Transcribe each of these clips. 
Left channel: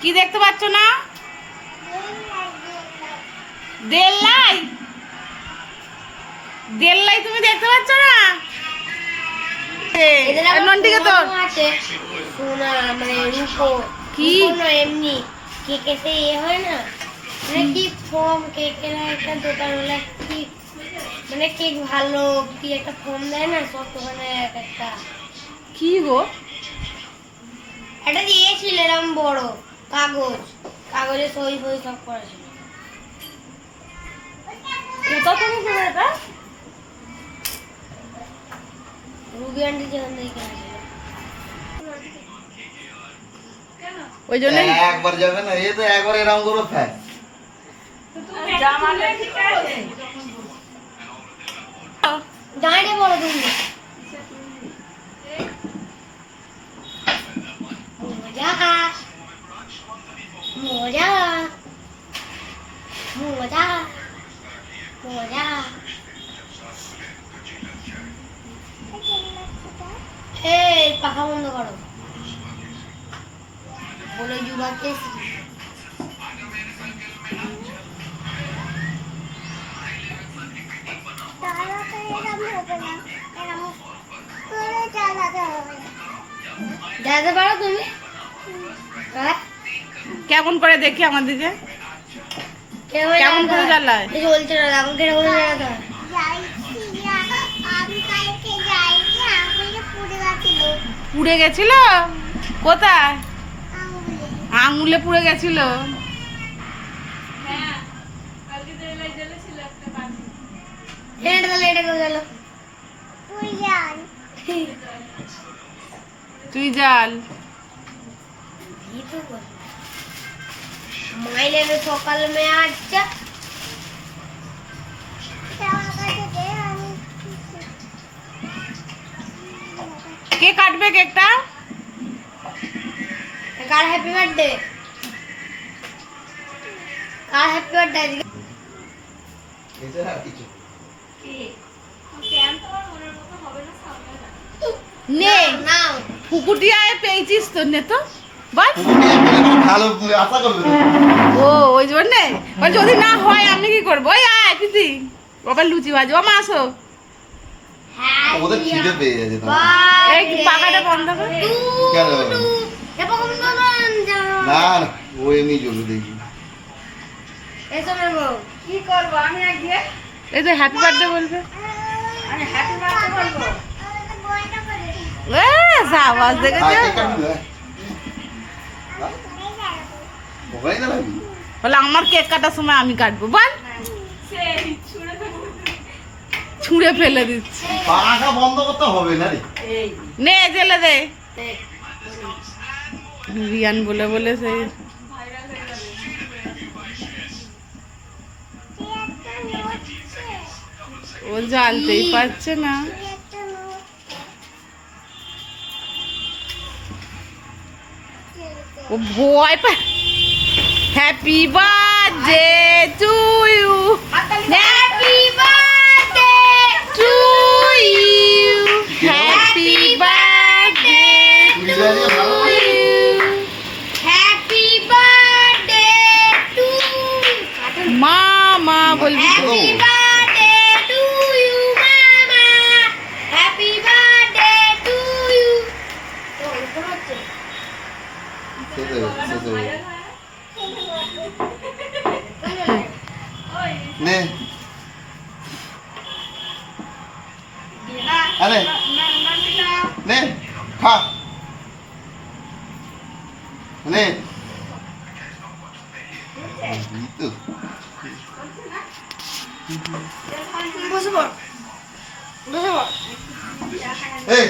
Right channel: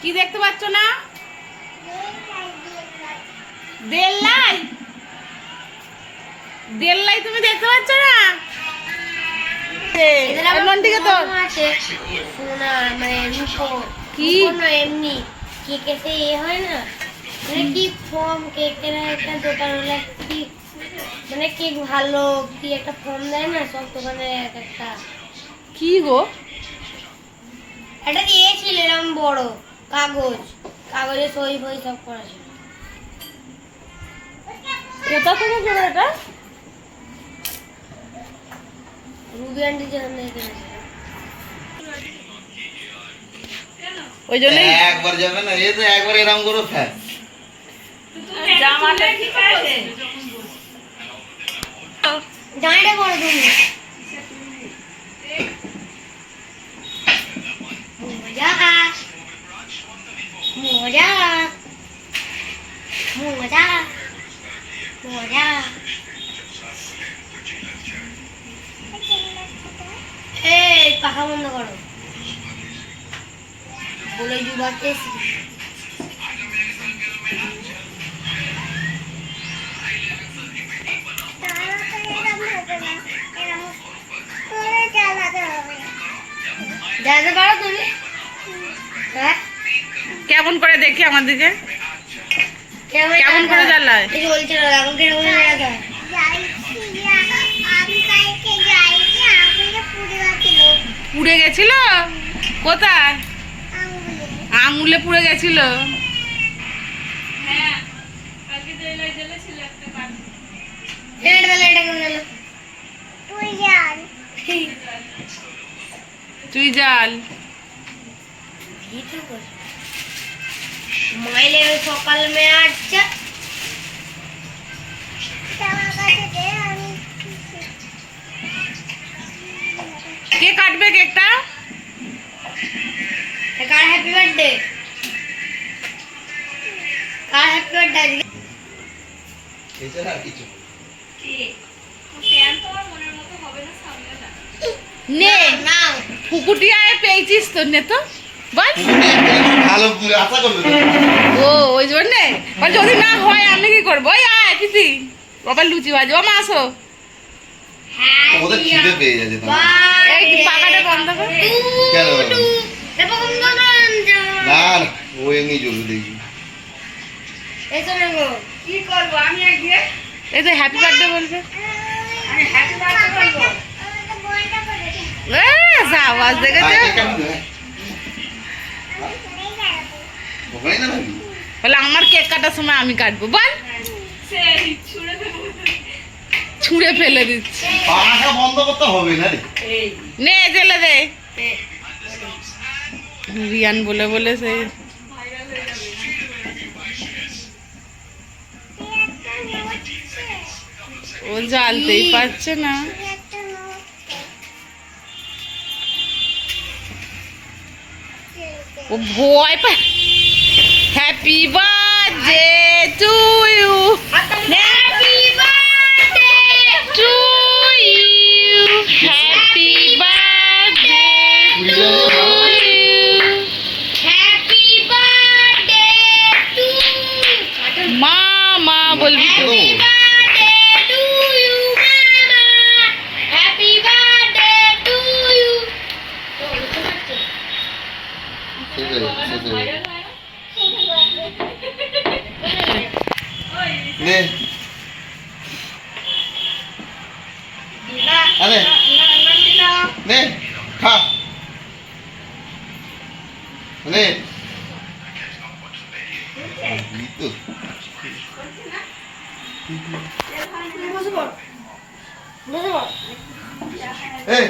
কি দেখতে পাচ্ছ না? দেল্লাই দেল্লাই তুমি দেখতে পাচ্ছ না? নন্টিকে তো সোনা মানে রূপো কি না এমনি কেকেতে হয় না মানে কি ফর্ম কেকের একটা দোকান হলে কি মানে কেক ভালো কি একটা ফর্ম দেয় না সব দোকানে এক একটা কি গো? এটা দিয়েছিল এরকম বড় কাগজে সই ফই সব করা ছিল। কোথা থেকে ছিল এটা? রুবি আন্টি যেখান থেকে কিনেছিল। ওই জন্যই একবার যাবে না, এই তো একবার এরকম করো ফ্যান। জামাটা ঠিক আছে। জামাটা বড় তুমি মজা মজা মজা মজা এই পাখা বন্ধ করো বলে জুবাতে দাদা পারো তুমি হ্যাঁ কেমন করে দেখি আমার দিকে? কেমন করে জ্বালায়? এই বলছে না এখন কিরকম জ্বালাতে পুড়ে গেছিল? কোথায়? আঙুলে পুড়ে গেছিল। তুই জাল মাইলে সকাল মে আচ্ছা কে কাটবে কেকটা? কার হ্যাপি বার্থডে কার হ্যাপি বার্থডে এছাড়া আর কিছু নে না ফুকুটিয়ায় পেয়েছিস তো, নে তো বল। ভালো আশা করবে তো। ও ওই জন্যে যদি না হয় আমি কি করবো? ওই আয় কিতি বাবা লুচি ভাজো। ও মা আসো। ওদের খিদে পেয়ে যাচ্ছে তোমার। এই পাখাটা বন্ধ কর। কেন? না না, ও এমনি চলবে দেখি। কি করবো আমি আজকে এই তো হ্যাপি বার্থডে বলবে। আমি হ্যাপি বার্থডে বলবো আওয়াজ দেখেছো? ওখানেই তো রাখবি। বলে আমার কেক কাটার সময় আমি কাটবো বল। ছুঁড়ে ফেলে দিচ্ছি। পাখা বন্ধ করতে হবে না রে। নে জেলে দে। রিয়ান বলে বলে সেই ও জ্বালতেই পারছে না। ও ভয় পা। Happy birthday to you. Happy birthday to you. Happy birthday to you. Happy birthday to মামা বলবি তো। হ্যাপি বার্থডে টু ইউ মামা হ্যাপি বার্থডে টু ইউ নে আরে নে খা নে তো বসবো এই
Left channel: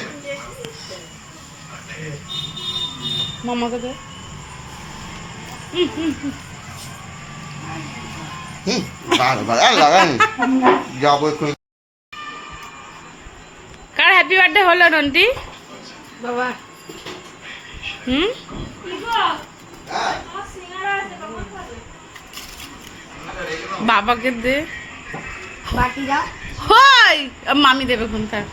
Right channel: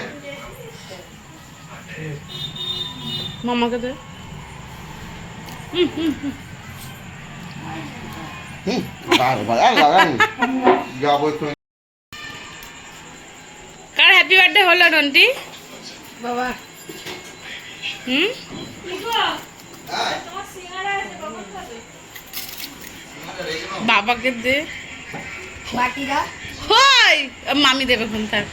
মামাকে দে। বারবার লাগান যাবো একটু। কার হ্যাপি বার্থডে হলো নন্টি? বাবা হুম বাবাকে দে। বাটিরা হই মামি দেবে কোন থাক।